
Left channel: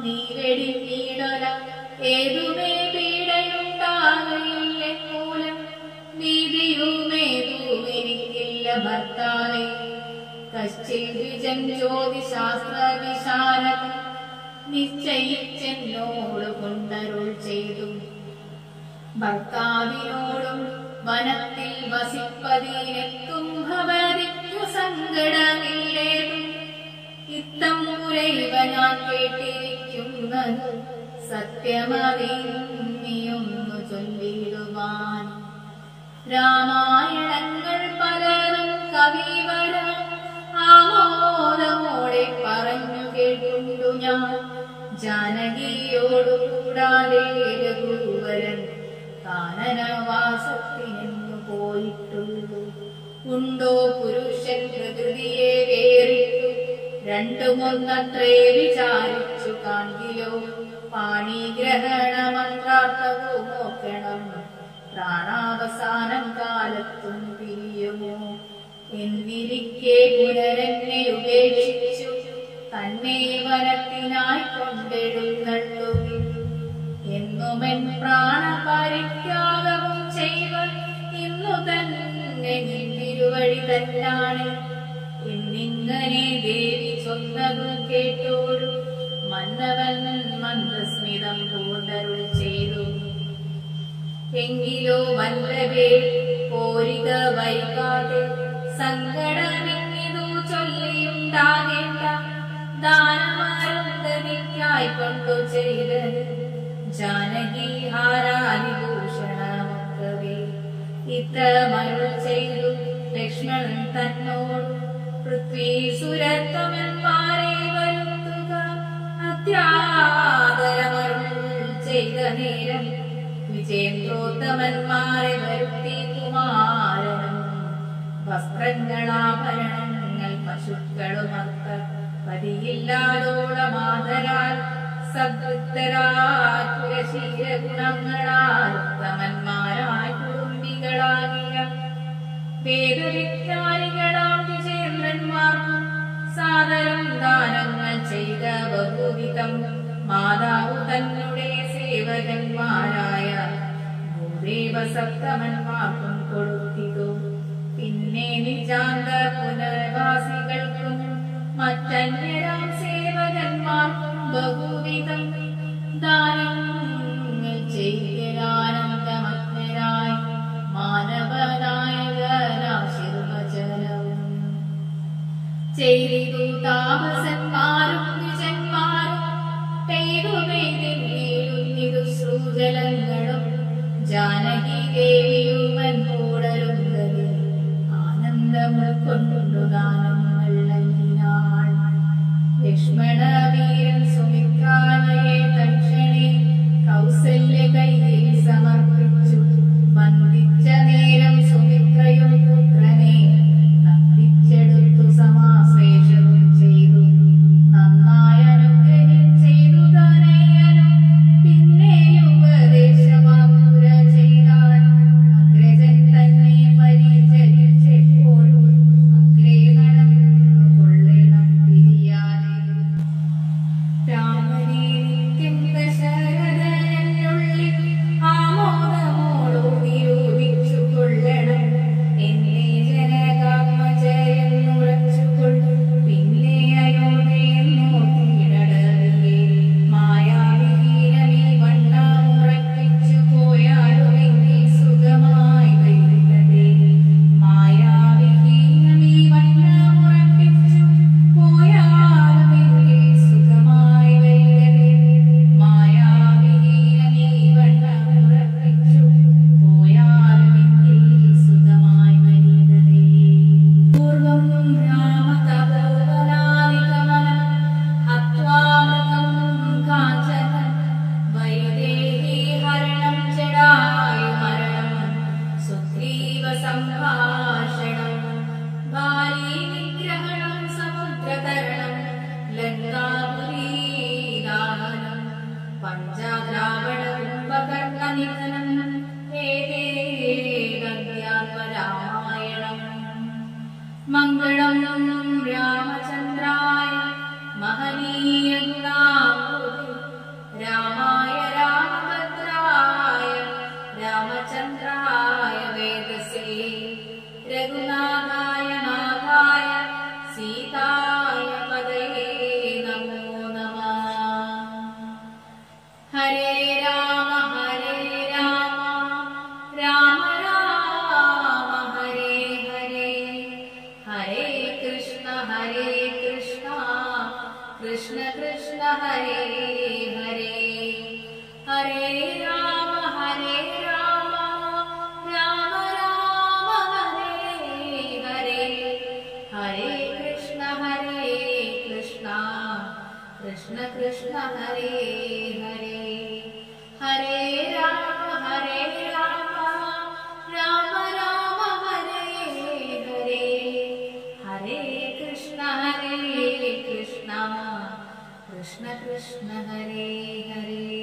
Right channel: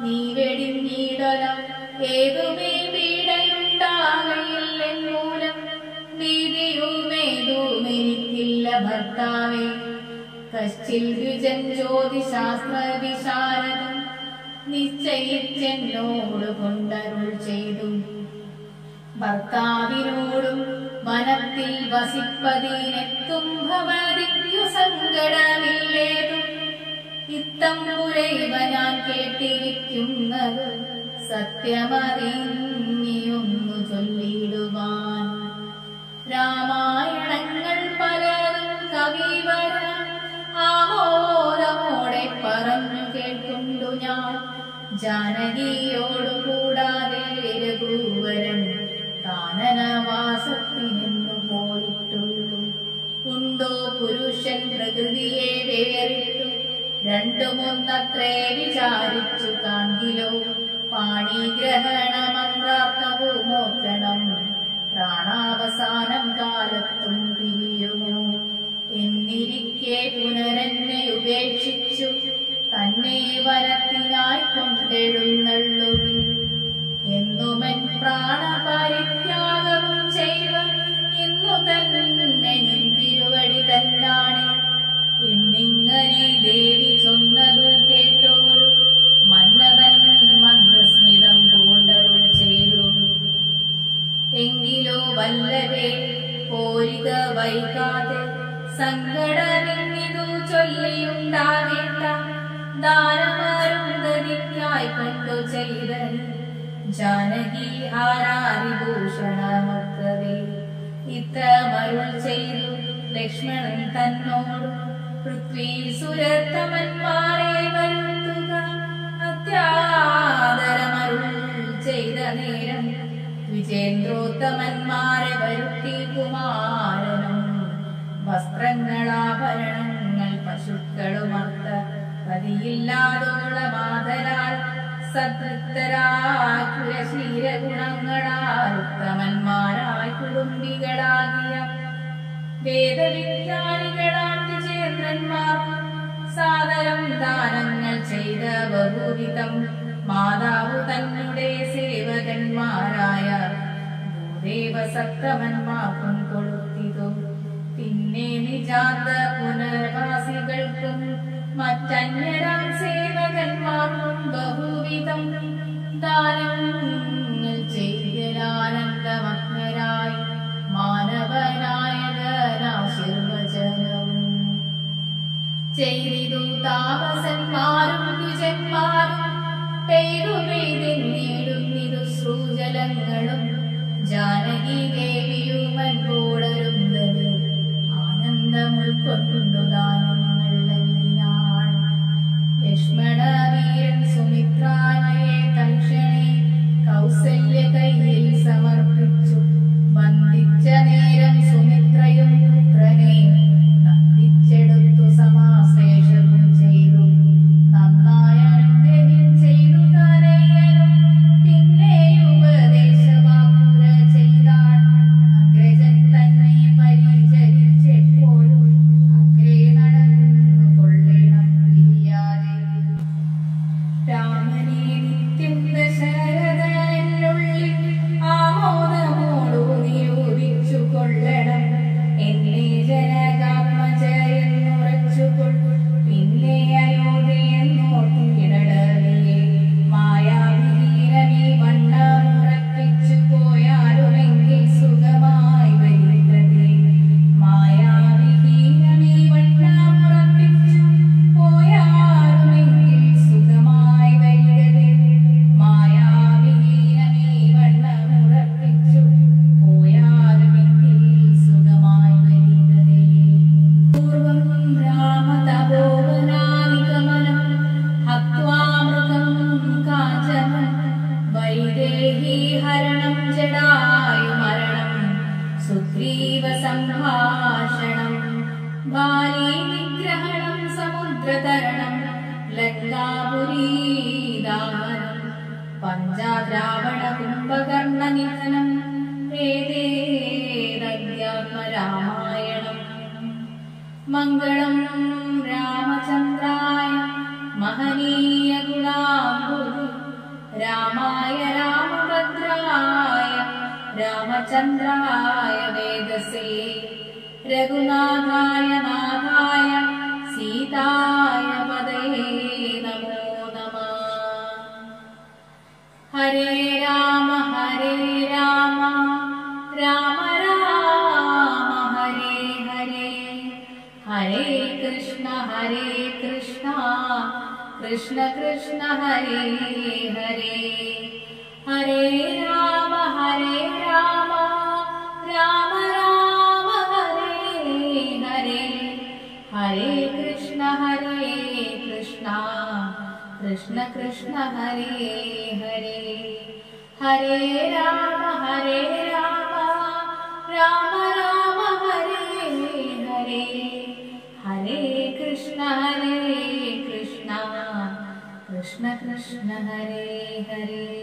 നീ വെടിഞ്ഞിടല, ഏതുമേ പീഡയുണ്ടാകയില്ലെന്നൂലം. നീതിയുമേതുമെനിക്കില്ല ഭർത്താവേ, കശ്ചിൽ ദ്വിജൻ ജ്യോതിശാസ്ത്ര വിശാരദം നിശ്ചയിച്ചെന്നോട് കൊണ്ടരുൾ ചെയ്തു. ഭർത്താവിനോടും വനത്തിൽ വസിപ്പതിനെത്തും ഭവതിക്കു സങ്കടമില്ലേതും. ഇത്തമ്പുരൈവ ഞാൻ കേട്ടിരിക്കുന്നത് സത്യമതിന്നിയൊന്നു ചൊല്ലിടുവാൻ. രാമായണങ്ങൾ പലതും കവിവര ആമോദമോടെ പറഞ്ഞു കേൾക്കുണ്ടു ഞാൻ. ജാനകിയോടു കൂടാതെ രഘുവരൻ കാനനവാസത്തിനെന്നു പോയിട്ടുള്ളൂ. ഉണ്ടോ പുരുഷൻ പ്രകൃതിയെ വേറിട്ടു, രണ്ടുമൊന്നത്രേ വിചാരിച്ചു കാൺകിലോ. പാണിഗ്രഹണ മന്ത്രാർത്ഥവും ഓർക്കണം, പ്രാണാവസാനം കാലത്തും പിരിയുമോ. എന്നിരിക്കെ പുനരെന്നെ ഉപേക്ഷിച്ചു തന്നെ വനത്തിനായി കൊണ്ടെഴുന്നള്ളുവിൻ. എന്നുമെൻ പ്രാണപരിത്യാഗവും ചെയ്വ ഇന്നു തന്നെ നിൻ തിരുവടി തന്നാണ്. എന്നിങ്ങനെ ദേവി ചൊന്നതു കേട്ടോരു മന്നവൻ മന്ദസ്മിതം പൂണ്ടരുൾ പോരിക വൈകാതെ സങ്കടമിന്നിതു ചൊല്ലിയുണ്ടാകേണ്ട ദാനമരുന്ധതിക്കായി കൊണ്ടു ചെയ്തത് ജാനകി ഹാരാതിഭൂഷണമൊക്കവേ ഇത്തമരുൾ ചെയ്തു ലക്ഷ്മണൻ തന്നോട് പൃഥ്വി സുരത്തമന്മാരെ വരുത്തുക അത്യാദരമരുൾ ചെയ്ത നേരം വിജേന്ദ്രോത്തമന്മാരെ വരുത്തി കുമാരനും വസ്ത്രങ്ങളാഭരണങ്ങൾ പശുക്കളുമർത്ത പതിയില്ലാതോളമാതരാൽ സദ്വൃത്തരായ കുലശീലഗുണങ്ങളാൽ ഉത്തമന്മാരായ കുടുംബികളാകിയ വേദവിജ്ഞാനികളാം വിജയേന്ദ്രന്മാർക്കും സാദരം ദാനങ്ങൾ ചെയ്ത ബഹുവിധം മാതാവു തന്നെ സേവകന്മാരായ ഭൂദേവസപ്തമന്മാർക്കും കൊടുത്തിതു. പിന്നെ നിജാന്ത പുനർവാസികൾക്കും മറ്റന്യരാം സേവകന്മാർക്കും ബഹുവിധം ദാനങ്ങൾ ചെയ്തരാനന്ദമഗ്നരായി മാനവനായകനാശിർവചനവും ചെയ്തിതു. താപസന്മാരും ദ്വിജന്മാരും പെയ്തു പെയ്തിന്നിടുന്നിതു ശ്രുജലങ്ങളും ജാനകി ദേവിയുമൻ കൂടരുന്നത് ആനന്ദം കൊണ്ടു ദാനങ്ങൾ നൽകിനാൾ. ലക്ഷ്മണവീരൻ സുമിത്രാലയെ തൽക്ഷണേ കൗസല്യ കയ്യിൽ സമർപ്പിച്ചു. വന്ദിച്ച നേരം സുമിത്രയും പുത്രനെ നന്ദിച്ചെടുത്തു സമാശ്ലേഷവും ചെയ്തു. നന്നായി അനുഗ്രഹം ചെയ്തു തനയനും പിന്നെയും ഉപദേശവാക്കുര ചെയ്താൾ. അഗ്രജൻ തന്നെ പരിചരിച്ചെപ്പോഴും അഗ്രേ നടന്നു കൊള്ളണം പിരിയാതെ. രാമനെ നിത്യം ദശരഥനുള്ളിൽ ആമോദമോടു നിരൂപിച്ചു കൊള്ളണം. എന്നെ ജനകാത്മജയെന്നുറച്ചുകൊൾ പിന്നെ അയോധ്യയെന്നോർത്തിടറിയേ. മായാവിഹീനമീ വണ്ണമുറപ്പിച്ചു പോയാലുമെങ്കിൽ സുഖമായി വരികതേ. മായാവിഹീനമീ വണ്ണമുറപ്പിച്ചു പോയാലുമെങ്കിൽ സുഖമായി വരികതേ. മായാവിഹീനമീ വണ്ണമുറപ്പിച്ചു പോയാലുമെങ്കിൽ സുഖമായി വരികതേ. പൂർവം രാമതപോവനാനിഗമനം ഹത്വാ മൃഗം കാഞ്ചനം വൈദേഹി ഹരണം ജടായുമരണം സുഗ്രീവ സംഭാഷണം ബാലീ നിഗ്രഹണം സമുദ്രതരണം ലങ്കാപുരീദാഹനം പഞ്ചാദ്രാവണ കുംഭകർണ നിധനം ഏതേതദ്യാത്മരാമായണം. മംഗളം രാമചന്ദ്രായ മഹനീയ ഗുണാംബുധി രാമായ രാമഭദ്രായ രാമചന്ദ്രായ വേദസേ രഘുനാഥായ നാഥായ സീതായ പദയേ നമോ നമഃ. ഹരേ രാമ രാമ രാമ ഹരേ ഹരേ. ഹരേ കൃഷ്ണ കൃഷ്ണ കൃഷ്ണ ഹരേ ഹരേ. ഹരേ രാമ രാമ രാമ ഹരേ ഹരേ. ഹരേ കൃഷ്ണ കൃഷ്ണ കൃഷ്ണ ഹരേ ഹരേ. ഹരേ രാമ രാമ ഹരേ ഹരേ. ഹരേ കൃഷ്ണ കൃഷ്ണ കൃഷ്ണ ഹരേ ഹരേ.